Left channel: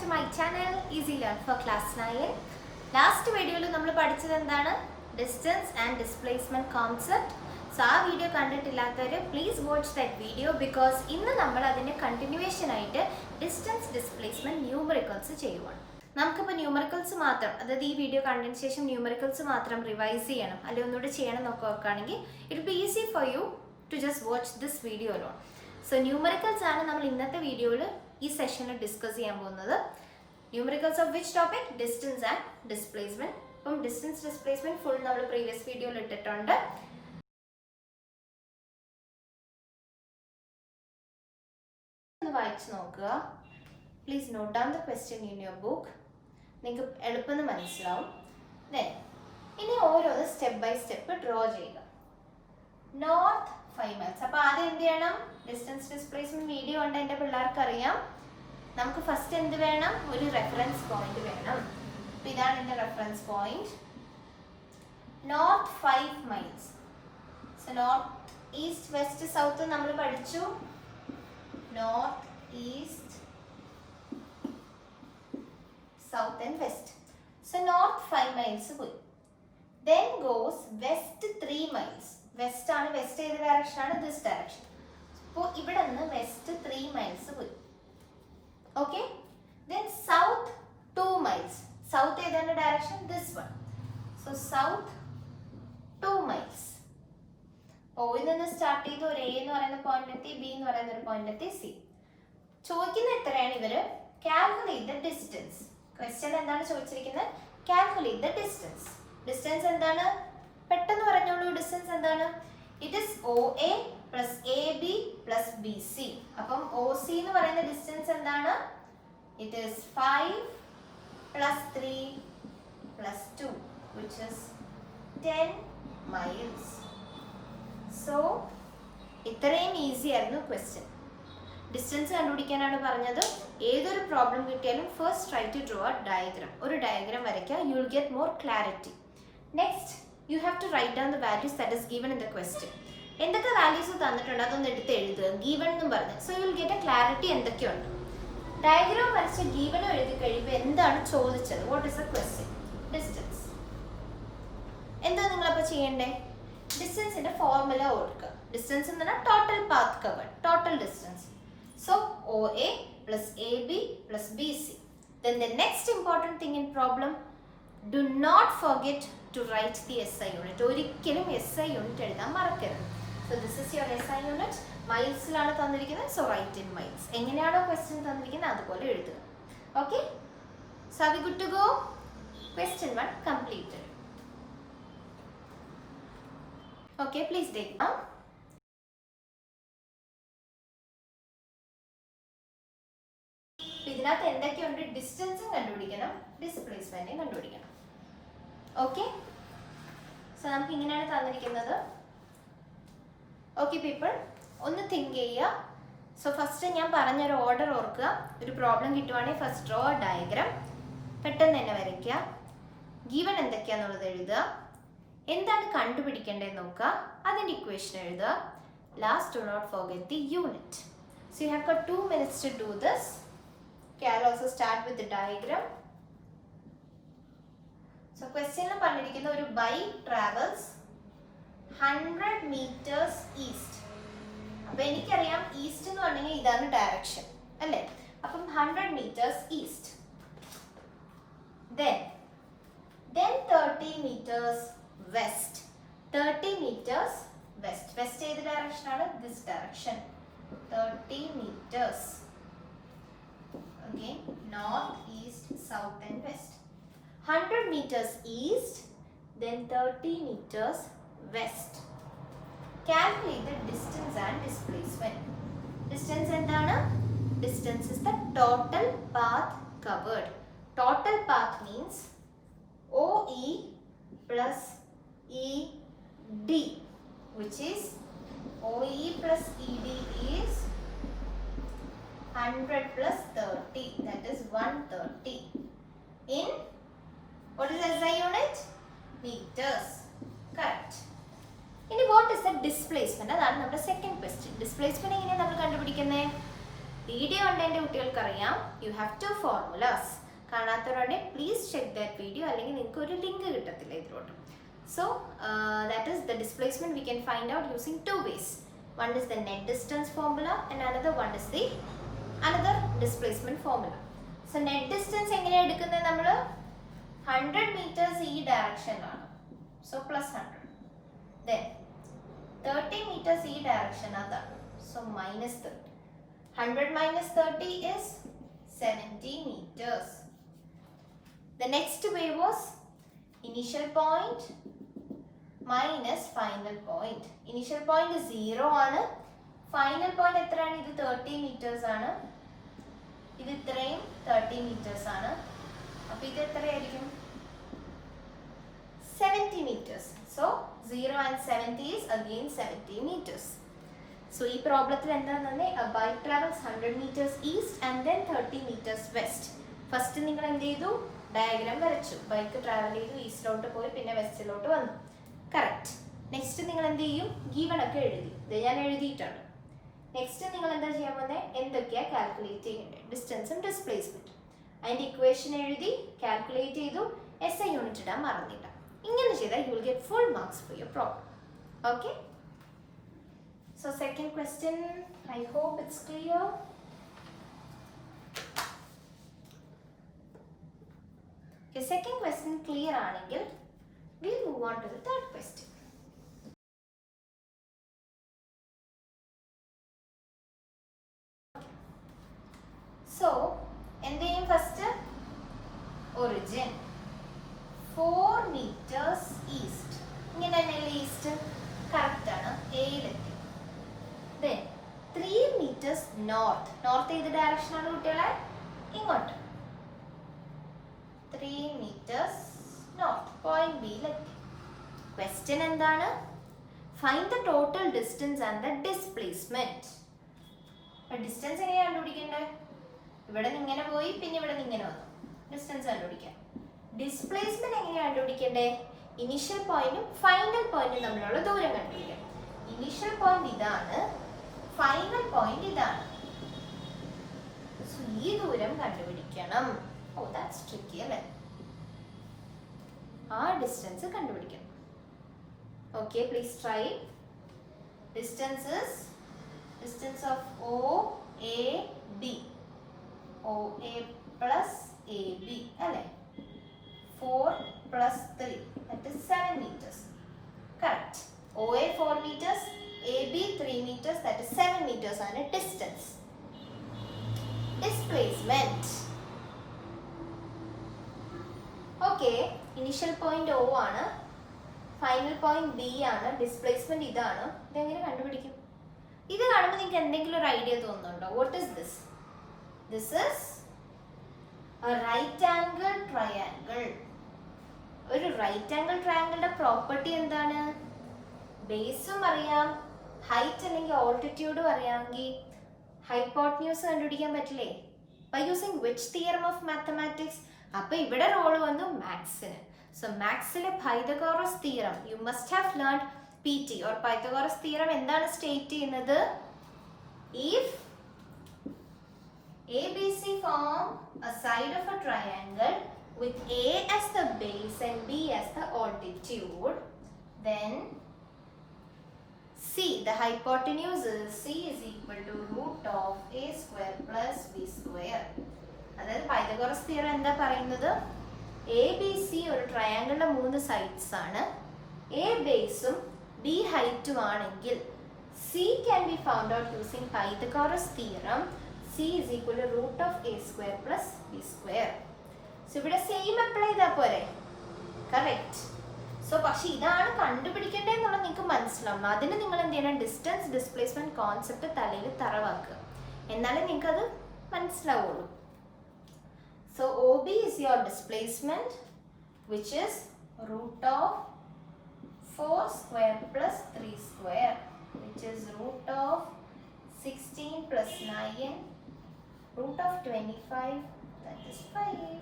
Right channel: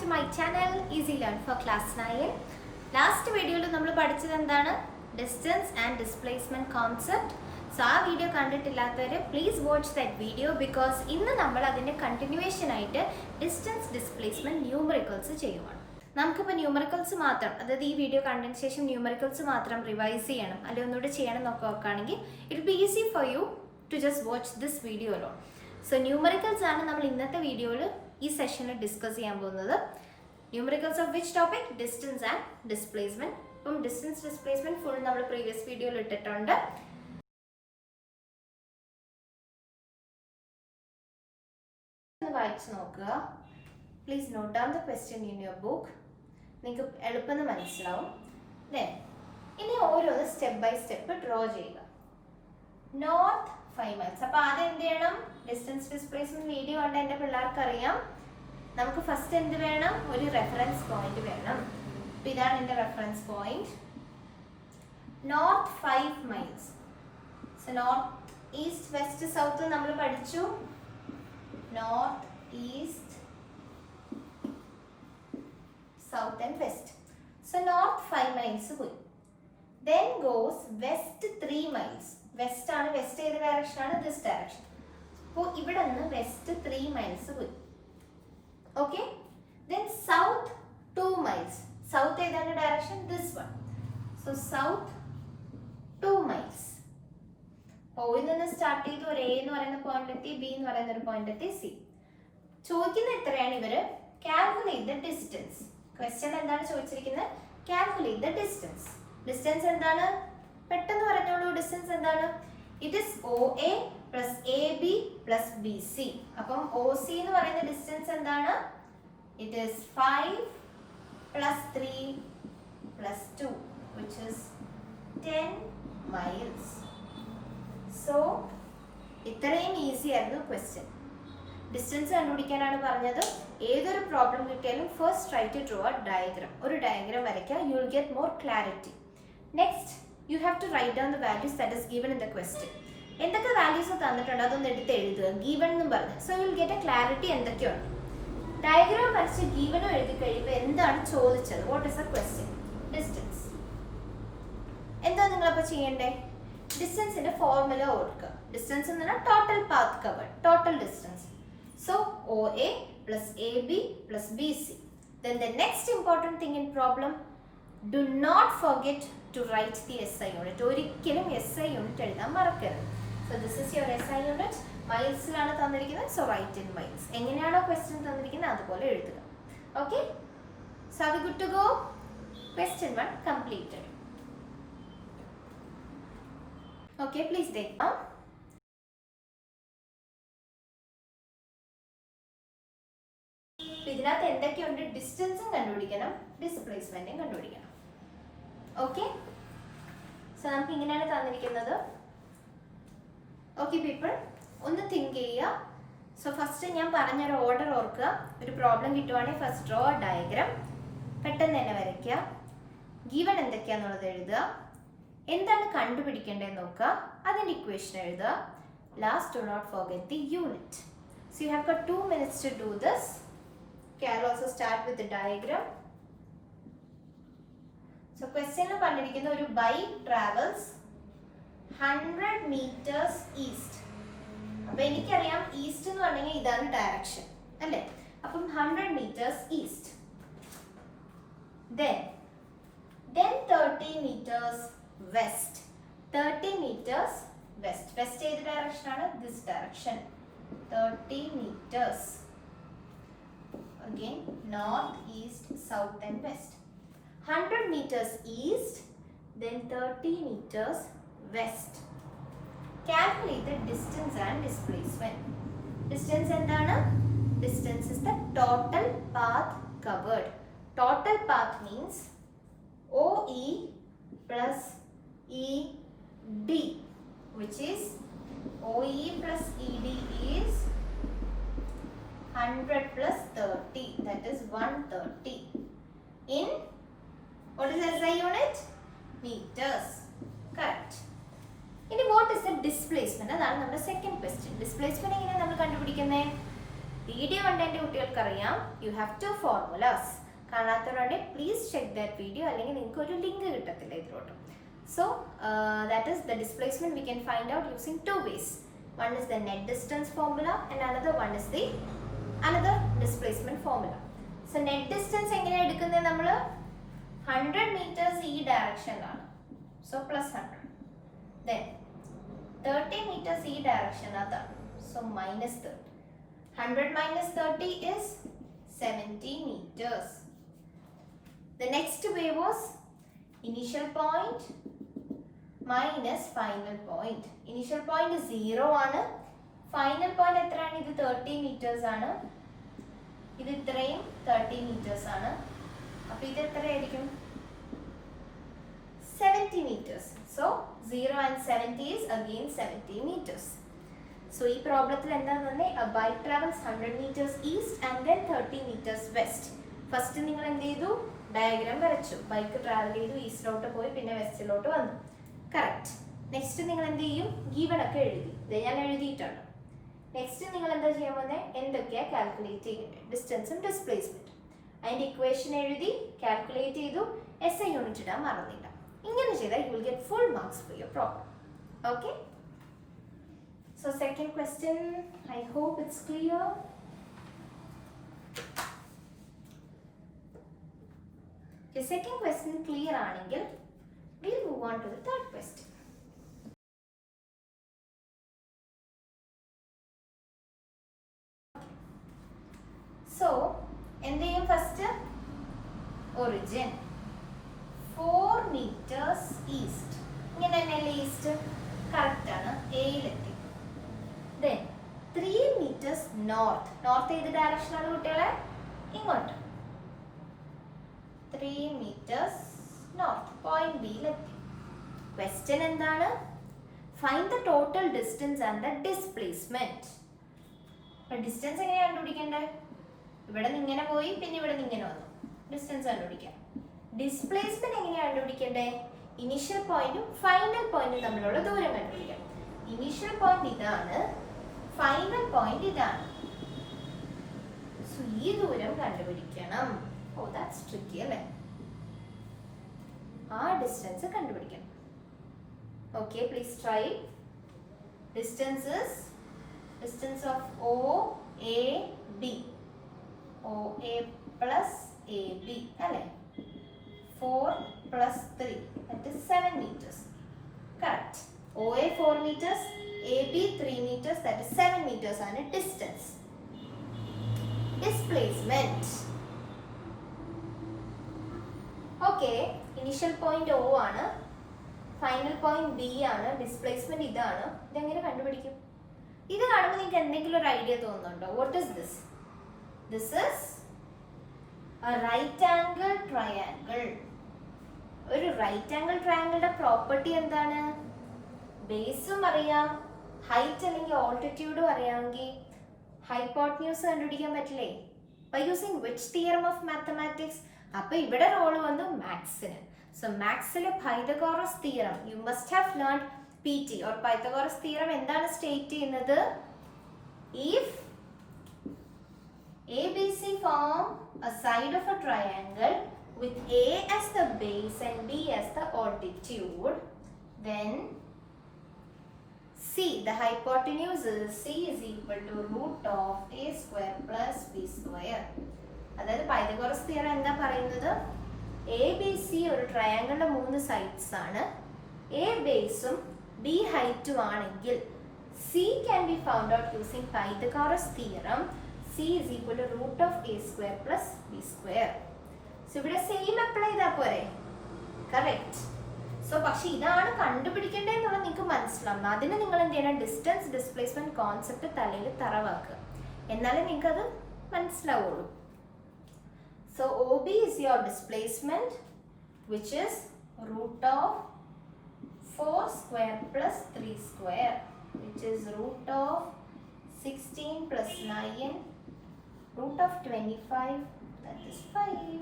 to my channel Easy Learn for Class 9. Last video നമ്മൾ പഠിച്ചത് എന്താണ്? Distance and displacement concept. So ആ video കണ്ടിട്ടില്ലാത്തവർ please watch that video because ഇന്ന് നമ്മൾ അതിൻ്റെ കണ്ടിന്യൂവേഷൻ ആയിട്ട് ഡിസ്റ്റൻസ് ഡിസ്പ്ലേസ്മെൻറ്റ് ന്യൂമറിക്കൽസ് ചെയ്യുവാണ്. നമുക്കിപ്പോൾ ന്യൂമറിക്കൽസ് മാത്രം, അതായത് ഈ വീഡിയോ കണ്ടതിന് ശേഷം ന്യൂമറിക്കൽസ് മാത്രം റിവൈസ് ചെയ്യണം അല്ലെങ്കിൽ ഒന്നുകൂടെ ചെയ്യണം എന്നൊക്കെ നോക്കുകയാണെങ്കിൽ it be easy for you to just watch this video alone. So numericals ആണ് നമ്മൾ ഇന്നത്തെ വീഡിയോയിൽ ഈ സെഷനിൽ ഡിസ്കസ് ചെയ്യാൻ പോകുന്നത്. Numericals of which topic? Distance and displacement. ഇപ്പം ഡിസ്റ്റൻസ് ഡിസ്പ്ലേസ്മെന്റ് ഫുൾ നമ്മൾ പ്രീവിയസ് വീഡിയോയിൽ ഇട്ടിട്ടുണ്ട്. വായിച്ചു നോക്കുക. Please note down the question in your book. നിങ്ങൾക്ക് എളുപ്പം മനസ്സിലാവും. ദെൻ ഇനി ഓരോന്ന് സ്റ്റെപ്പ് ബൈ സ്റ്റെപ്പ് ഡ്രോ ചെയ്യുക. North 5 miles. അപ്പോൾ ആദ്യം എന്ത് ചെയ്യണം? ഡിസ്റ്റൻസ് ഡിസ്പ്ലേസ്മെന്റ് വീഡിയോ കൊണ്ട് എൻ്റെ പിള്ളേർക്ക് അറിയാം. നമുക്ക് ഫസ്റ്റ് എന്ത് വേണം? ഒരു റെഫറൻസ് പോയിന്റ് വേണം. അപ്പോൾ ഇതാണ് എൻ്റെ reference point. North 5 miles. So north east west south നമ്മൾ പഠിച്ചു. North east south and west. So north 5 miles പോയി. Then goes west 3 miles. West ആണ്. വെസ്റ്റ് ഏത് ഡയറക്ഷൻ ആണ്? This direction. അപ്പോൾ ഇവിടെ നിന്ന് വെസ്റ്റ് 3 miles പോയി. Okay. Then south 2 miles. South ഏതാണ് direction? This one. So south 2 miles. ഓയിൽ നിന്ന് സ്റ്റാർട്ട് ചെയ്ത് ഒരു എ എന്ന് പറയുന്ന പോയിന്റ് എത്തി, ബി എന്ന് പറയുന്ന ഒരു പോയിന്റ് എത്തി, സി. ചോദിക്കുന്ന എത്രയാണ് ഇവര്? Calculate the distance. ക്വസ്റ്റ്യൻ എന്താണ് ചോദിച്ചിരിക്കുന്നത്? Calculate the distance. ഡിസ്റ്റൻസ് എന്താണ്? പെട്ടെന്ന് പറഞ്ഞോളൂ. ഡിസ്റ്റൻസ് എന്താണ്? It is OA plus AB plus BC. അപ്പം OC എന്ന് പറയുന്ന ഡിസ്റ്റൻസ് എന്താണ്? It is 5 plus 3 plus 2 which is 10 miles. So ഇത്രയും ഈസി ആയിരുന്നു ക്വസ്റ്റ്യൻ. ഡിസ്റ്റൻസ് കണ്ടുപിടിക്കാനാണ് പറഞ്ഞത്. ഏതൊരു പ്രോബ്ലം കിട്ടിയാലും first try to draw a diagram. ഒരു ഡയഗ്രാം വരയ്ക്കുക. You will get more clarity. Next you have to write down the values that is given in the question. എന്തൊക്കെ values തന്നിട്ടുണ്ട് അതൊന്ന് എടുത്ത് എഴുതുക. ഗീവൺ എന്നും പറഞ്ഞു. So you will get A clarity എന്തൊക്കെയുണ്ട്. ഡയഗ്രാം വരച്ച് ഗീവനും എഴുതി കഴിയുമ്പോൾ എന്താണ് ചോദിച്ചത്? What is A question? Distance. എന്താ നിങ്ങളപ്പോൾ ചെയ്യണ്ടേ? ഡിസ്റ്റൻസിന്റെ ഫോർമുല ഓർക്കുക. ഡിസ്റ്റൻസ് എന്ന് പറഞ്ഞാൽ total path covered, total distance. So OA plus AB plus BC. Then the next important thing in problem, do not forget to write the SI unit. ഒരിക്കലും SI unit എഴുതാൻ മറക്കരുത്. So this is your SI unit. മൈൽസിലാണ് തന്നിരിക്കുന്നത്. So write in miles. എങ്ങനെയാണോ question തന്നിരിക്കുന്നത് അതുപോലെ എഴുതുക. Okay? So are we good to go? Question 1 completed. Okay, please take down. ഇതിനകത്ത് എന്തൊക്കെയുണ്ട്? ഡിസ്റ്റൻസും കണ്ടുപിടിക്കണം, ഡിസ്പ്ലേസ്മെന്റും കണ്ടുപിടിക്കണം. ഓക്കെ. സോ നമുക്ക് ഇങ്ങനെയാണ് തന്നിരിക്കുന്നത്. ഓക്കെ പീപ്പിൾ, ഒന്ന് തിങ്ക് ചെയ്യുക. സോ ഫസ്റ്റ് ഞാൻ പറഞ്ഞൊരു ഓർഡർ ഓർക്കുക. ഒരു പ്രോബ്ലം കിട്ടുവാണെങ്കിൽ ഫസ്റ്റ് ഡ്രോ ഡയഗ്രാം, പെട്ടെന്ന് തന്നെ വരയ്ക്കുക. ഗീവൺ എന്തൊക്കെയാണെന്നുള്ളത് എഴുതുക. എന്താണ് കണ്ടുപിടിക്കേണ്ടതെന്ന് നോക്കുക. അതിൻ്റെ ഇക്വേഷൻ എഴുതുക. Last do not forget the unit. So you have got 2 minutes to do this. Okay, I'll also start with the diagram. So question പറഞ്ഞിരിക്കുന്ന ഒരു bike travels 100 meters east. അപ്പോൾ എനിക്കറിയാം ഈസ്റ്റ് എന്ന് പറഞ്ഞാൽ ഇതാണ് ഡയറക്ഷൻ അല്ലേ? അപ്പം 100 meters east. Then 30 meters west. 30 meters west. West ഏത് ഡയറക്ഷൻ ആണ്? This direction. 30 meters. Again north, east, south and west. 100 meters east, then 30 meters west. Calculate the distance and displacement. Distance endana? Distance is the total path covered. Total path means OE plus ED, which is OE plus ED is 100 plus 30, that is 130 in what is SI unit? Meters. Correct. ഇനി what is the displacement? അതാണ് നമ്മുടെ second question. Displacement എങ്ങനെയാണ് നമ്മൾ കണ്ടുപിടിക്കുന്നത്? Video കണ്ടതിൻ്റെ കുട്ടികൾക്ക് അറിയാം, you have to formulas. കാണാത്തവരുണ്ടെങ്കിൽ please check that video, അല്ലെങ്കിൽ നിങ്ങൾക്ക് ഒരു ലിങ്ക് കിട്ടത്തില്ല ഇതിലോട്ട്. So that is the displacement we can find out using 2 ways. One is the net distance formula and another one is the another displacement formula. So net distance എങ്ങനെയാണ് എടുക്കുന്നത്? നമ്മൾ 100 meters ഈ ഡയറക്ഷനിലാണ്, so plus 100. Then 30 meters ഈ direction അതാണ്, so minus 30. 100 minus 30 is 70 meters. The next way was initial point minus final point. Initial point 0 ആണ്, final point എത്രയാണ്? ഇത് 30 meters ആണ്, ഇത് ഇത്രയും 30 meters ആണ്. അപ്പോൾ ഇത് എത്രയായിരിക്കും? 70 meters. So 0 and 70 is again 70 meters. So ഈ പ്രോബ്ലത്തിൽ എന്താണെന്ന് പറഞ്ഞാൽ a bike travels 100 meters east and then 30 meters west. First നിങ്ങൾ എന്ത് ചെയ്തു? ഡയഗ്രാം വരച്ചു. ബൈക്ക് ട്രാവൽ ചെയ്തു, ഈസ്റ്റിലോട്ട് പോയി, പിന്നെ വെസ്റ്റിലോട്ട് വന്നു. കറക്റ്റ്. നെക്സ്റ്റ് നിങ്ങൾ എന്ത് ചെയ്യും? ഗീവൺ ഒക്കെ എഴുതി. ഇത് ഞാൻ എഴുതിയിട്ടാണ്. നെക്സ്റ്റ് നിങ്ങൾ എന്താ ചെയ്യാൻ പോകുന്നത്? എന്തൊക്കെയാ കാൽക്കുലേറ്റ് ചെയ്യേണ്ടത്? ഡിസ്റ്റൻസും ഡിസ്പ്ലേസ്മെന്റ്. അതിന്റെ ഇക്വേഷൻ എഴുതി, കാൽക്കുലേറ്റ് ചെയ്തു, SI യൂണിറ്റ് ഇടാൻ മറന്നില്ല. ഇങ്ങനെ ചെയ്താൽ U will get full marks for your problem. Okay. So second question, I hope it's clear. Okay, second question clear ആണെങ്കിൽ we'll move on to the third question. So എന്ത് ചെയ്യും? First origin 4 meters east. ഇങ്ങനെ തന്നെയല്ലേ east? Correct ആണ്, എയിലെത്തി. Then 3 meters north. North ഏത് direction ആണ് കുട്ടികളെ? ഇങ്ങോട്ട്. 3 meters north. Point ബിയിലെത്തി. Question എന്താണ്? Find the total distance and the displacement. Distance എങ്ങനെയാണ് കണ്ടുപിടിക്കേണ്ടത്? ഇവിടെ നിന്ന് ഇങ്ങനെ പോയി, പിന്നെ ഇവിടെ നിന്ന് ഇങ്ങനെ വന്നു. ഡിസ്റ്റൻസ് കണ്ടുപിടിക്കാം. ഡിസ്പ്ലേസ്മെന്റ് എങ്ങനെയാണ് കണ്ടുപിടിക്കേണ്ടത്? ഇനിഷ്യൽ പോയിന്റും ഫൈനൽ പോയിന്റും തമ്മിലുള്ള ദൂരം കണ്ടുപിടിക്കാം. ഇനിഷ്യൽ പോയിന്റ് ഇതാണ്, ഫൈനൽ പോയിന്റ് ഇതാണ്. സോ ഈ ദൂരം കണ്ടുപിടിക്കണം. ഓ ദാറ്റ്സ് ട്രിക്കി അല്ലേ? ആ ഡിസ്റ്റൻസ് കണ്ടുപിടിക്കണം. Okay, please try. Distance of OAB. OA plus AB അല്ലേ? 4 plus 3 that is 7 meters. Correct. OA 4 meters, AB 3 meters, that is 7 meters ആണ് distance. Displacement. Okay, initial point O ആണ്, final point B ആണ്, displacement ഇതാണ്. ഇതെങ്ങനെ കണ്ടുപിടിക്കും? ഇത് കാണുമ്പോൾ നിങ്ങൾക്ക് എന്തെങ്കിലും ഒരു ഐഡിയ തോന്നുന്നുണ്ടോ? What is this? This is a right angle triangle. ഒരു റൈറ്റ് ആംഗിൾ ട്രയാങ്കിളുടെ പ്രോപ്പർട്ടി എന്താണ്? ബേസും അറിയാം, ഹൈറ്റ് അല്ലെങ്കിൽ ഓൾട്ടിറ്റ്യൂഡും അറിയാമെങ്കിൽ ഹൈപ്പോട്ടന്യൂസ് കണ്ടുപിടിക്കാൻ പറ്റില്ലേ? By using which theorem of mathematics? അപ്പൊ ഇവിടെ റോള് വന്നു മാത്സിന്. സോ മാത്സിലെ Pythagoras theorem you must have learned PT or Pythagoras theorem എന്താണ് സ്റ്റേറ്റ് ചെയ്യുന്നത്? If ABC form a side of a triangle with A as the base and B as the altitude, then C, the hypotenuse is C is equal to root of A square plus B square. അതായത് Pythagoras theorem എന്താ പറയുന്നത്? ABC ഒരു ട്രയാങ്കിളിന്റെ 3 sides ആണ്. A ബേസും B ഹൈറ്റും ആണെങ്കിൽ C can be found out using Pythagoras theorem. C is equal to root of A square plus B square. So ഇവിടെ same apply ചെയ്താൽ പോരെ? കറക്റ്റ്. സോ പക്ഷെ ഇതാണ് കണ്ടുപിടിക്കേണ്ടതെന്നുള്ളത് നിങ്ങൾക്ക് മനസ്സിലാവും. അതിന് നിങ്ങൾ എന്ത് ചെയ്യണം? ഡിസ്റ്റൻസ് ഡിസ്പ്ലേസ്മെന്റ് കോൺസെപ്റ്റ് തലയിൽ തറവാക്കുക, എന്നാലേ നിങ്ങൾക്കത് മനസ്സിലാവുള്ളൂ. So OB is your displacement, which is root of 4 square plus 3 square, which is root of 16 plus 9, root of 25, that is 5.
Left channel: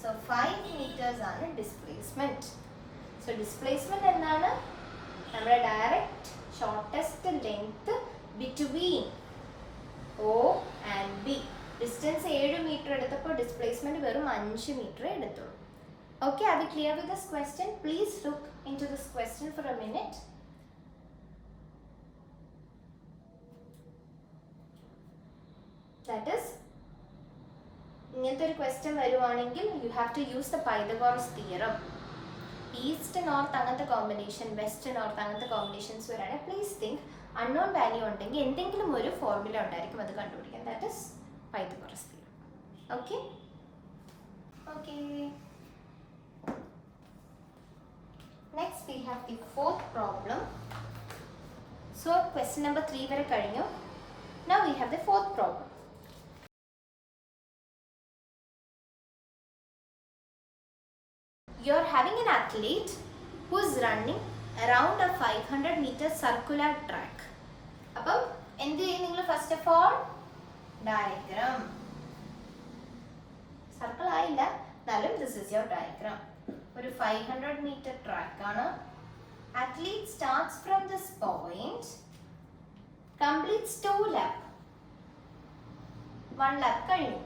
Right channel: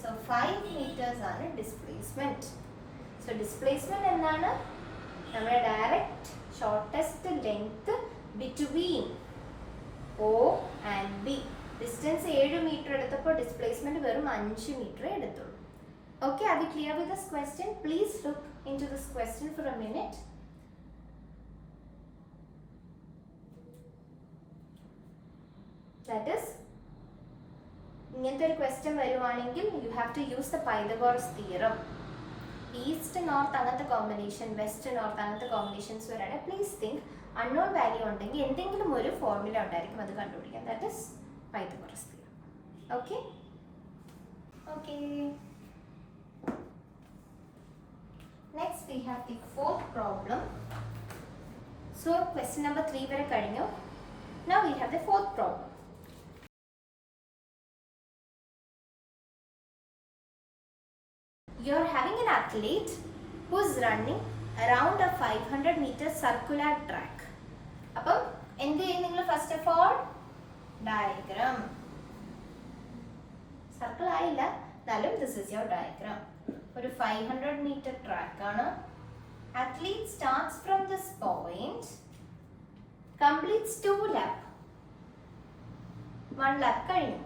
So 5 meters ആണ് displacement. So displacement എന്താണ്? നമ്മുടെ direct shortest length between O and B. Distance 7 meter എടുത്തപ്പോൾ displacement വെറും 5 meter എടുത്തുള്ളൂ. Okay, are we clear with this question? Please look into this question for a minute. That is, ഇങ്ങനത്തെ ഒരു question വരുവാണെങ്കിൽ you have to use the Pythagoras theorem. East north അങ്ങനത്തെ combination, west north അങ്ങനത്തെ combinations വരാണെങ്കിൽ please think unknown value ഉണ്ടെങ്കിൽ എന്തെങ്കിലും ഒരു formula ഉണ്ടായിരിക്കും അത് കണ്ടുപിടിക്കാൻ. That is Pythagoras theorem. Okay? Okay. Next we have the fourth problem. So question number 3 വരെ കഴിഞ്ഞു. Now we have the fourth problem. You are having an athlete who is running around a 500 meter circular track. അപ്പം എന്ത് ചെയ്യും നിങ്ങൾ? First of all diagram. Circle ആയില്ല എന്നാലും this is your diagram. ഒരു 500 meter track ആണ്. Athlete starts from this point, completes 2 lap. 1 lap കഴിഞ്ഞു,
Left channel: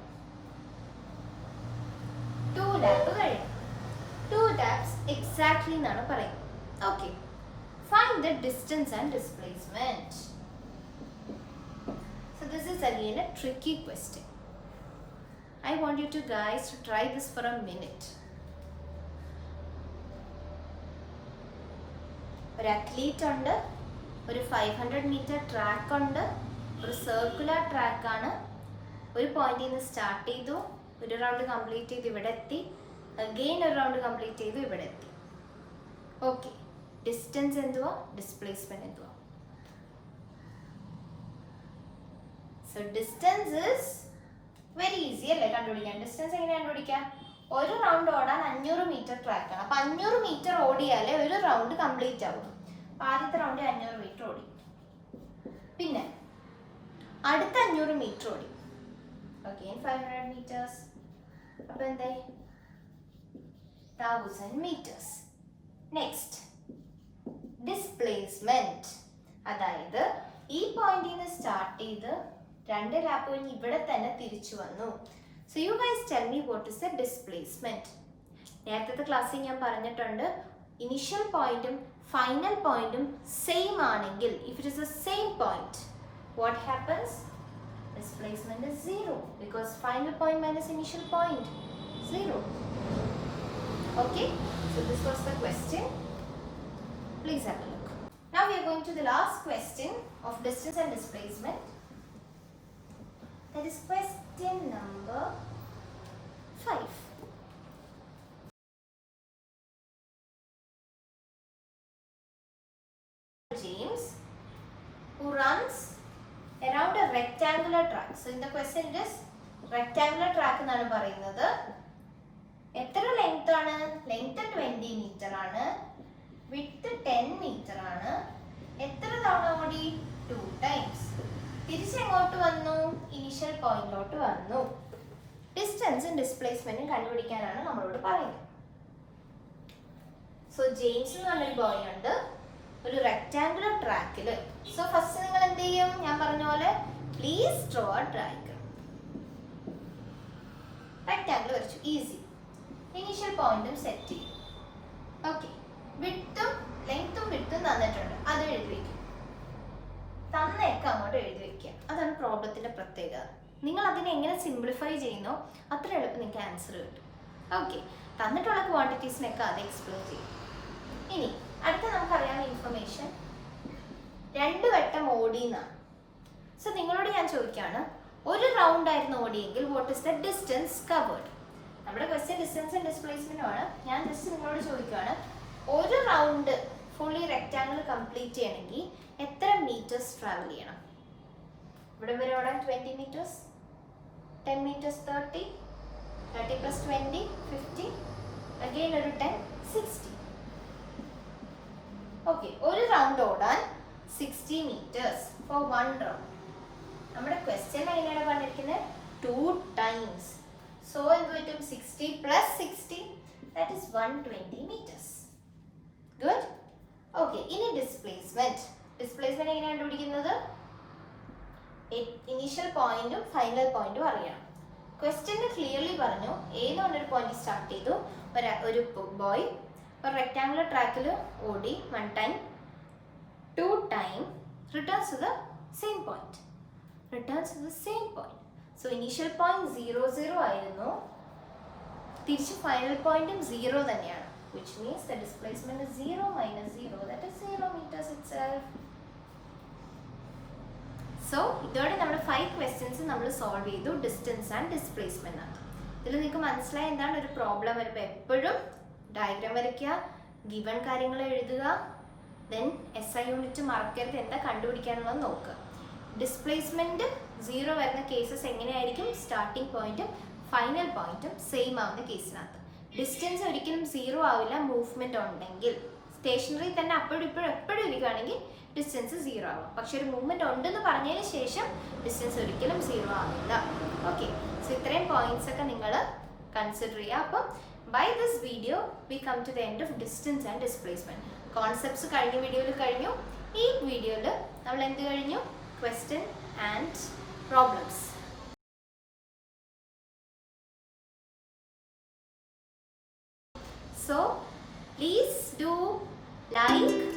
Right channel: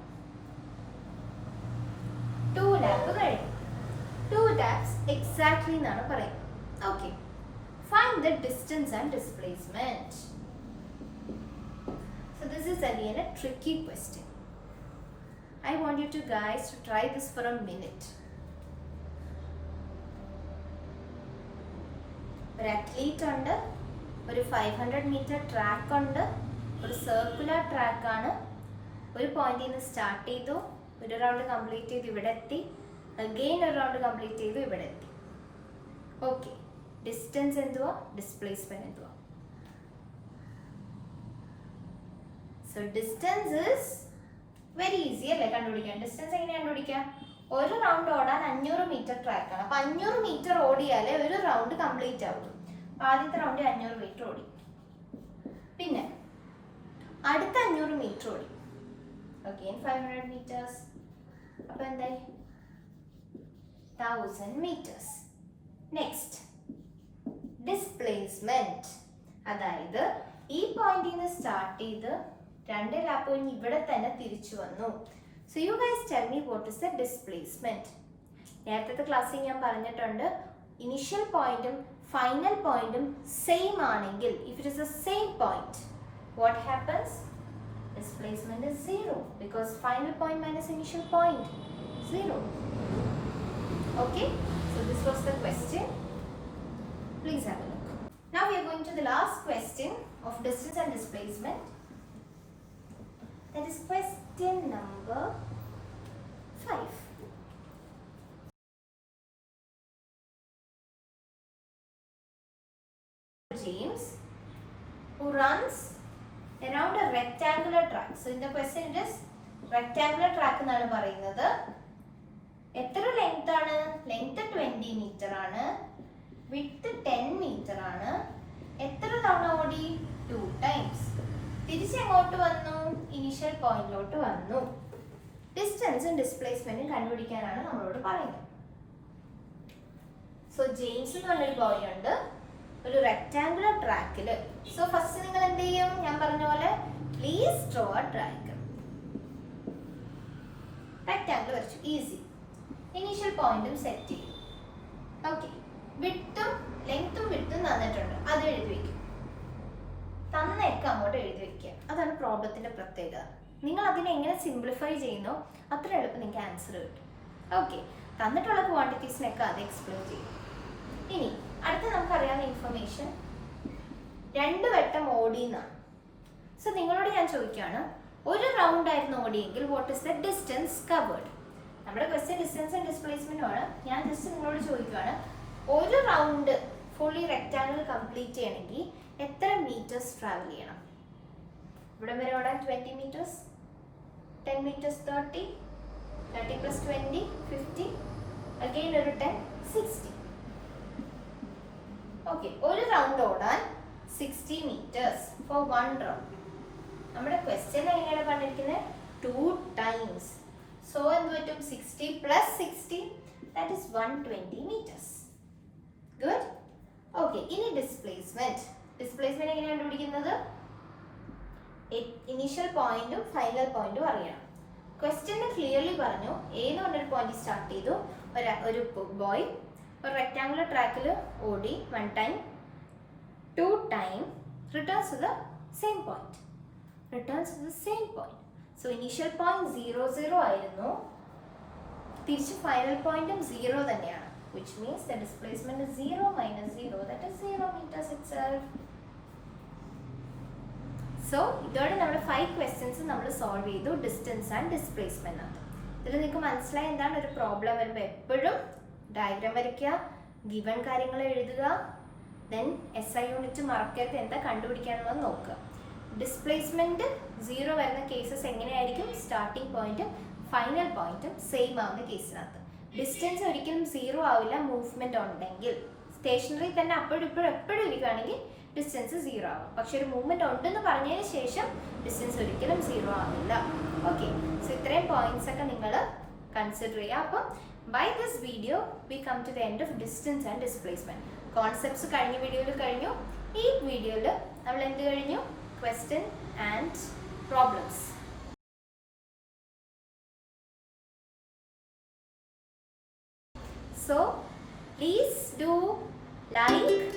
2 lap കഴിഞ്ഞു. 2 laps exactly എന്നാണ് പറയുന്നത്. Okay, find the distance and displacement. So this is again a tricky question. I want you guys to try this for a minute. ഒരു athlete ഉണ്ട്, ഒരു 500 meter track ഉണ്ട്, ഒരു circular track ആണ്. ഒരു പോയിന്റിൽ നിന്ന് സ്റ്റാർട്ട് ചെയ്തു, ഒരു റൗണ്ട് കംപ്ലീറ്റ് ചെയ്ത് ഇവിടെ എത്തി, അഗെയിൻ ഒരു റൗണ്ട് കംപ്ലീറ്റ് ചെയ്തു ഇവിടെ എത്തി. ഓക്കെ, ഡിസ്റ്റൻസ് എന്തുവാ, ഡിസ്പ്ലേസ്മെന്റ് എന്തുവാ? So distance is very easy അല്ലേ കണ്ടുപിടിക്കാൻ. ഡിസ്റ്റൻസ് എങ്ങനെ കണ്ടുപിടിക്കാം? ഒരു റൗണ്ട് ഓടാൻ 500 meter ട്രാക്ക് ആണ്. അപ്പൊ 500 meter ഓടിയാലേ ഒരു റൗണ്ട് കംപ്ലീറ്റ് ആവുള്ളൂ. ആദ്യത്തെ റൗണ്ട് 500 meter ഓടി, പിന്നെ അടുത്ത 500 meter ഓടി, അഗെയിൻ 500 meters. അപ്പൊ എന്തായി? 1000 meters. നെക്സ്റ്റ് ഡിസ്പ്ലേസ്മെന്റ്, അതായത് ഈ പോയിന്റിൽ നിന്ന് സ്റ്റാർട്ട് ചെയ്ത് 2 ലാപ്പ് കഴിഞ്ഞ് ഇവിടെ തന്നെ തിരിച്ചു വന്നു. So you guys tell me what is the displacement. നേരത്തെ ക്ലാസ്സിൽ ഞാൻ പറഞ്ഞിട്ടുണ്ട്, ഇനിഷ്യൽ പോയിന്റും ഫൈനൽ പോയിന്റും സെയിം ആണെങ്കിൽ, if it is the same point, what happens? Displacement is 0 because final point minus initial point 0. Okay, so this was the question. Please have a look. Now we are going to the last question of distance and displacement. That is question number 5. James, who runs around a rectangular track. So in the question it is rectangular track എന്നാണ് പറയുന്നത്. എത്ര length ആണ്? Length 20 meter ആണ്, width 10 meter ആണ്. എത്ര തവണ ഓടി? 2 times. തിരിച്ചെങ്ങോട്ട് വന്നു? ഇനിഷ്യൽ പോയിന്റിലോട്ട് വന്നു. ഡിസ്റ്റൻസും ഡിസ്പ്ലേസ്മെന്റും കണ്ടുപിടിക്കാനാണ് നമ്മളോട് പറയുന്നത്. സോ ജെയിംസ് എന്ന് പറഞ്ഞൊരു ബോയ് ഉണ്ട്, ഒരു റെക്ടാങ്കുലർ ട്രാക്കിൽ. സോ ഫസ്റ്റ് നിങ്ങൾ എന്ത് ചെയ്യും? ഞാൻ പറഞ്ഞ പോലെ please draw A diagram. Rectangle വരച്ചു, ഈസി. ഇനീഷ്യൽ പോയിന്റും സെറ്റ് ചെയ്യും. ഓക്കെ, വിഡ്ത്തും ലെങ്ത്തും വിഡ്ത്തും തന്നിട്ടുണ്ട്, അത് എഴുതി വെക്കും. തന്നേക്ക് അങ്ങോട്ട് എഴുതി വെക്കുക. അതാണ് പ്രോബ്ലത്തിന്റെ പ്രത്യേകത. നിങ്ങൾ അതിനെ എങ്ങനെ സിംപ്ലിഫൈ ചെയ്യുന്നോ അത്ര എളുപ്പം നിങ്ങൾക്ക് ആൻസർ കിട്ടും. ഓക്കെ, തന്നിട്ടുള്ള ക്വാണ്ടിറ്റീസിനൊക്കെ അത് എക്സ്പ്ലെയിൻ ചെയ്യും. ഇനി അടുത്ത നമുക്കറിയാവുന്ന ഇൻഫർമേഷൻ 2 വട്ടം ഓടി എന്നാണ്. സോ നിങ്ങളോട് ഞാൻ ചോദിക്കുകയാണ്, ഒരു റൗണ്ട് ആയിരുന്നു ഓടിയെങ്കിൽ what is the distance covered? നമ്മുടെ ക്വസ്റ്റ്യൻ ഡിസ്റ്റൻസ് ആൻഡ് ഡിസ്പ്ലേസ്മെന്റും ആണ്. ഞാൻ ജസ്റ്റ് നിങ്ങളോട് ചോദിക്കുകയാണ്, ഒരു റൗണ്ട് ഫുള്ളി റെക്ടാങ്കിൾ കംപ്ലീറ്റ് ചെയ്യണമെങ്കിൽ എത്ര മീറ്റേഴ്സ് ട്രാവൽ ചെയ്യണം? ഇവിടെ വരെ ഓടാൻ 20 meters, 10 meters 30, 30 plus 20 50, അഗെയിൻ ഒരു 10 60. ഓക്കെ, ഒരു റൗണ്ട് ഓടാൻ 60 meters for 1 round. നമ്മുടെ ക്വസ്റ്റ്യൻ എങ്ങനെയാണ് പറഞ്ഞിരിക്കുന്നത്? 2 times. സോ എന്ത് പറ്റും? 60 plus 60, that is 120 meters. Good? Okay, ഇനി ഡിസ്പ്ലേസ്മെന്റ്. ഡിസ്പ്ലേസ്മെന്റ് എങ്ങനെയാണ് കണ്ടുപിടിക്കുന്നത്? ഇനീഷ്യൽ പോയിന്റും ഫൈനൽ പോയിന്റും അറിയണം. ക്വസ്റ്റ്യന് ക്ലിയർലി പറഞ്ഞു എ എന്ന് പറഞ്ഞൊരു പോയിന്റ് സ്റ്റാർട്ട് ചെയ്തു, ഒരു ബോയ് ഒരു റെക്ടാങ്കുലർ ട്രാക്കിൽ ഓടി 1 time 2 time returns to the same point. So initial point 0 0 ആയിരുന്നു, തിരിച്ച് ഫൈനൽ പോയിന്റും 0 തന്നെയാണ്. which means the displacement is 0 minus 0, that is 0 meters itself. So ഇതോടെ നമ്മൾ 5 questions നമ്മൾ സോൾവ് ചെയ്തു ഡിസ്റ്റൻസ് ആൻഡ് ഡിസ്പ്ലേസ്മെന്റ് ആണ്. ഇതിൽ നിങ്ങൾക്ക് മനസ്സിലായി എന്താണ് ഒരു പ്രോബ്ലം വരുമ്പോൾ എപ്പോഴും ഡയഗ്രാം വരയ്ക്കുക, ഗിവൺ കാര്യങ്ങൾ എഴുതുക, ദെൻ SI യൂണിറ്റ് മറക്കരുത്, എന്താ കണ്ടുപിടിക്കാനുള്ളത് നോക്കുക. ഡിസ്പ്ലേസ്മെന്റ് 0 വരുന്ന കേസസ് എങ്ങനെയായിരിക്കും, സ്റ്റാർട്ടിംഗ് പോയിന്റും ഫൈനൽ പോയിന്റും സെയിം ആവുന്ന കേസിനകത്ത്. ഡിസ്റ്റൻസ് ഒരിക്കലും 0 ആവില്ല മൂവ്മെന്റ് ഉണ്ടെങ്കിൽ. സ്റ്റേഷനറി തന്നെ അപ്പോഴും എപ്പോഴും ഇരിക്കുകയാണെങ്കിൽ ഡിസ്റ്റൻസ് 0 ആവും. പക്ഷെ ഒരു മൂവ്മെന്റ് ഉണ്ടെന്ന് പറഞ്ഞതിന് ശേഷം ഡിസ്റ്റൻസ് ഒരിക്കലും 0 ആവില്ല. ഓക്കെ, സോ ഇത്രയും പോയിന്റ്സ് ഒക്കെ നിങ്ങൾ കൺസിഡർ ചെയ്യുക. അപ്പം by this video we come to the end of distance and displacement. Concepts കഴിഞ്ഞ വീഡിയോയിൽ കഴിഞ്ഞു. ഈ വീഡിയോയിൽ നമ്മൾ എന്ത് കഴിഞ്ഞു, question and problems. So please do like,